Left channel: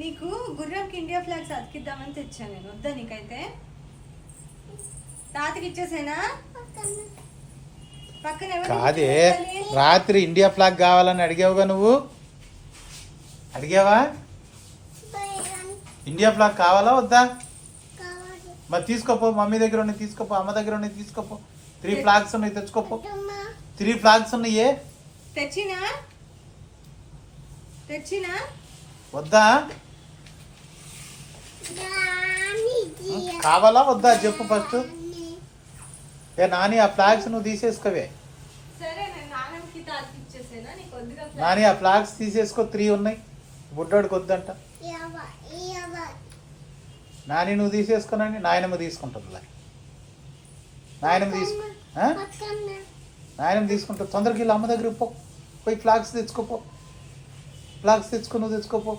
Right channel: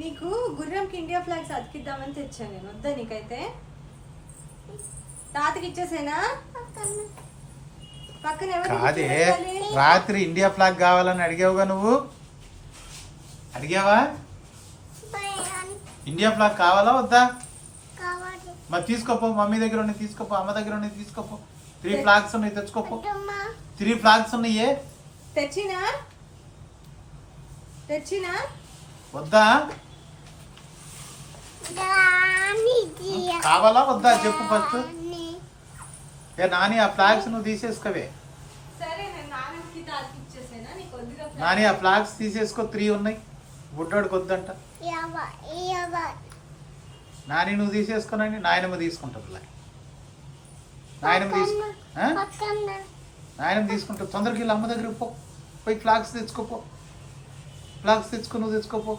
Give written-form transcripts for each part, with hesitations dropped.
నీకు గుర్రంకి India flags అతికిద్దామని తెచ్చాను నేను. వద్దా నీకైతే? తాతకి ఇచ్చేసేనా? పక్కన అదే రాత్రి ఇండియా ఫ్లాగ్ కావాలని అడిగావుగా నువ్వు. అడిగావా? ఇండియా ఫ్లాగ్ కావాలా వద్దా? మరి తీసుకోపో, మమ్మీ దగ్గర ఉన్నాయి తీసుకోపో, అమ్మ దగ్గర ఉన్నాయి తీసుకోపో. 3 ఫ్లాగ్స్ ఉన్నాయి తెచ్చుకోపో. 3 ఫ్లాగ్స్ ఉన్నాయి. తెచ్చినా వద్దా? కావాలా వద్దా చెప్పు ఫస్ట్. నాని ఆ ఫ్లాగ్స్ నువ్వు తీసేసుకోవే. నాని ఆ ఫ్లాగ్స్ తీసేసుకో. 3 ఉన్నాయి. బుడ్డోడికి వద్దంట. నాని నువ్వు తీసేసుకోనండి. నాయనమ్మ తీసుకుంటుంది. నాయనమ్మ తీసుకుంటుంది. తొందరకి వెళ్ళి అమ్మ దగ్గర పో. పోయి ఫ్లాగ్స్ తెచ్చుకోపో. ఫ్లాగ్స్ తెచ్చుకో. నువ్వు తెచ్చుకోపో.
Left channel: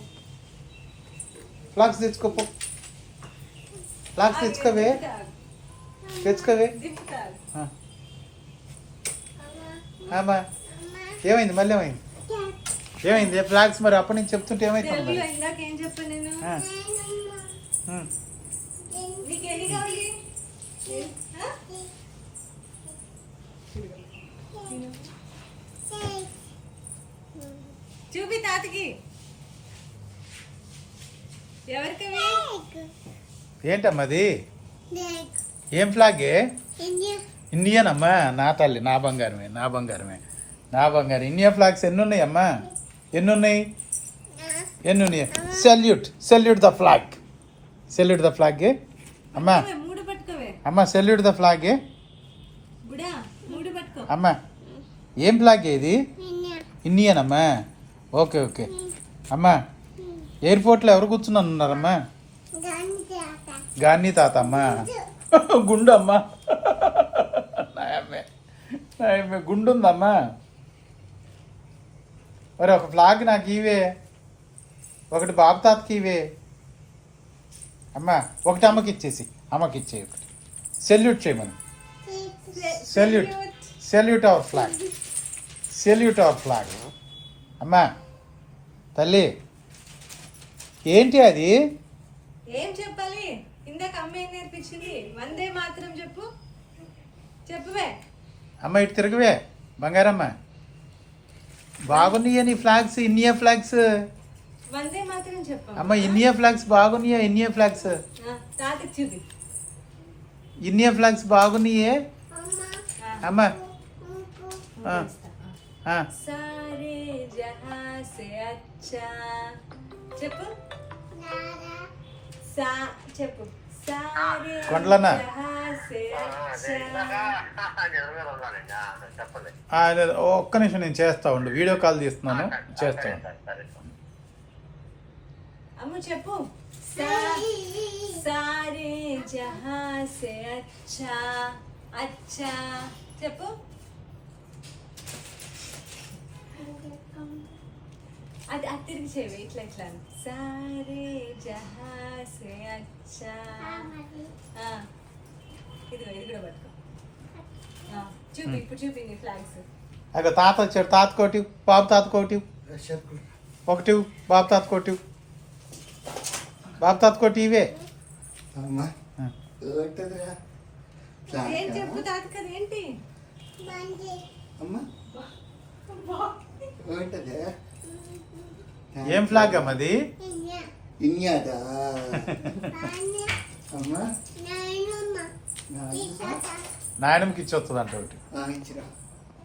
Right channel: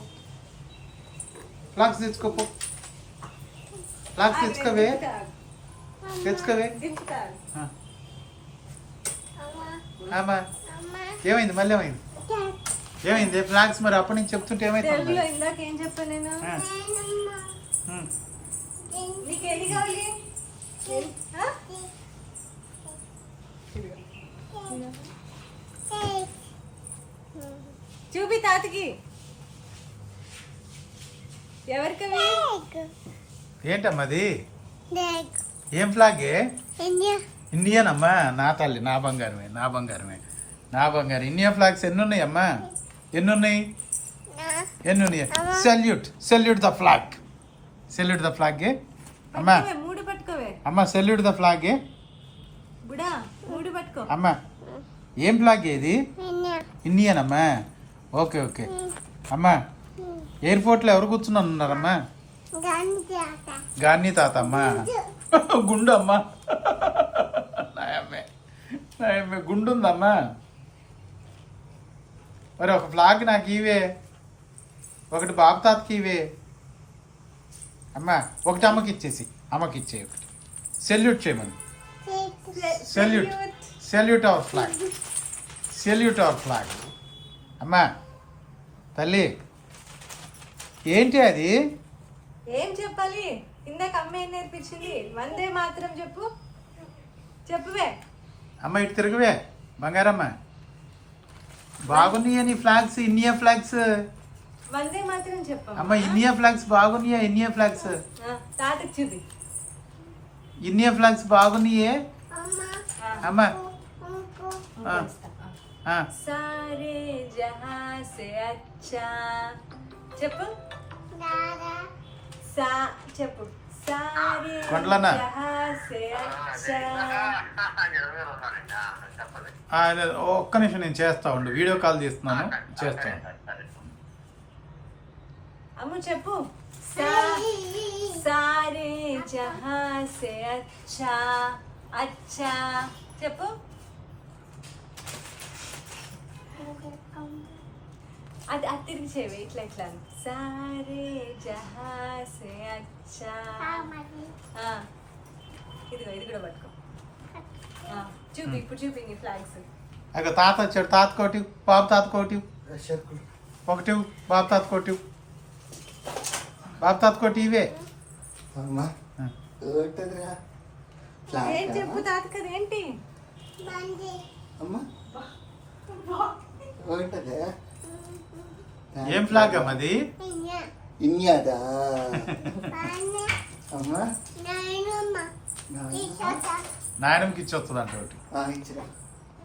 ఫ్లాగ్స్ తెచ్చుకోపో. ఫ్లాగ్స్ తెచ్చుకోవే. ఏమైంది? మళ్ళీ ఏమైంది? ఫ్లాగ్స్ మరి అప్పటి నుంచి చెప్తుంటే ఏమైంది? ఇందాక ఏం చెప్పాను నేను? నీకేది కావాలి? చూపి తాతకి. ఎవరికవి? ఏంటమ్మది? ఏం ఫ్లాగ్? ఇండియన్ అమ్మా. నా తల్లి, నా బంగారమే, నా బంగారమే, నా బంగారం. ఇండియా ఫ్లాగ్స్ ఎన్ని ఉన్నాయి అమ్మా? ఎన్ని ఉన్నాయి? Salute the flag. Salute the flag అమ్మా. మూడు పట్టుకోవే అమ్మా. సెల్యూట్ ద ఫ్లాగ్ మూడు పట్టుకో అమ్మా. ఏం ఫ్లాగ్ ఇది? ఇండియన్ అమ్మా. ఓకే ఓకే అమ్మా. ఎయిర్పోర్ట్ లో ఎవరు కూర్చున్నాను ఉన్నారమ్మా? గాంధీ తాత అమ్మా. గుండు అమ్మా. గుండు ఉందమ్మా. మరి ఒక ఫ్లాగ్ నాకు ఇవే, ఒకటి బాబు తాతకి ఇవే అమ్మా. ఒకటి అమ్మకి ఇచ్చేసి, అమ్మకి ఇచ్చే. సెల్యూట్ చేయమని. Salute our flag. Salute our flag అమ్మా. తల్లి ఏంటి అది? ఏం చెప్పాలి? ఇందాక అమ్మ ఏం నేర్పించింది? వందే మాత్రం చెప్పు. చెప్పువే అమ్మ. ఇటు తిరుగువే బంగారమ్మ. బాగున్నాయా నీ ఫ్లాగ్స్? India flags. వందే మాత్రం చెప్పు అమ్మ. ఇండియా ఫ్లాగ్స్ బాగున్నాయా? ఇండియా ఫ్లాగ్స్ తాతకి చూపి. ఇండియా ఫ్లాగ్స్ బాగున్నాయే అమ్మ. సారే జహా సే అచ్చా చెప్పు. చెప్పు. సారే జహా సే అచ్చా. ఒక్క నిమిషం నేను చేస్తా ఉండి, వీడియో కాల్ చేస్తున్నాను, చేస్తాను. అమ్ము చెప్పు. సారే జహా సే అచ్చా. అచ్చా చెప్పు. అది తిరిగి చేయవే. ఇట్లా ఇట్లా సారే జహా సే అచ్చా. ఇదిగో ఇది కూడా పట్టుకో. చూపి ఇప్పుడు చూపి నీ ఫ్లాగ్స్. తాత వచ్చాడు. తాత కోటి, బాబు తాత కోటి. ఒకటి బాబు తాత కోటి. బాబు తాత కోటి ఇవే చెప్పు. తాత కదా ఏంటి? ఏం ఫ్లాగ్ అమ్మది? ఇండియాదా అమ్మా. నాయనమ్మకి ఇచ్చి వస్తుంది అంటే ఒకటి. ఇచ్చిరా.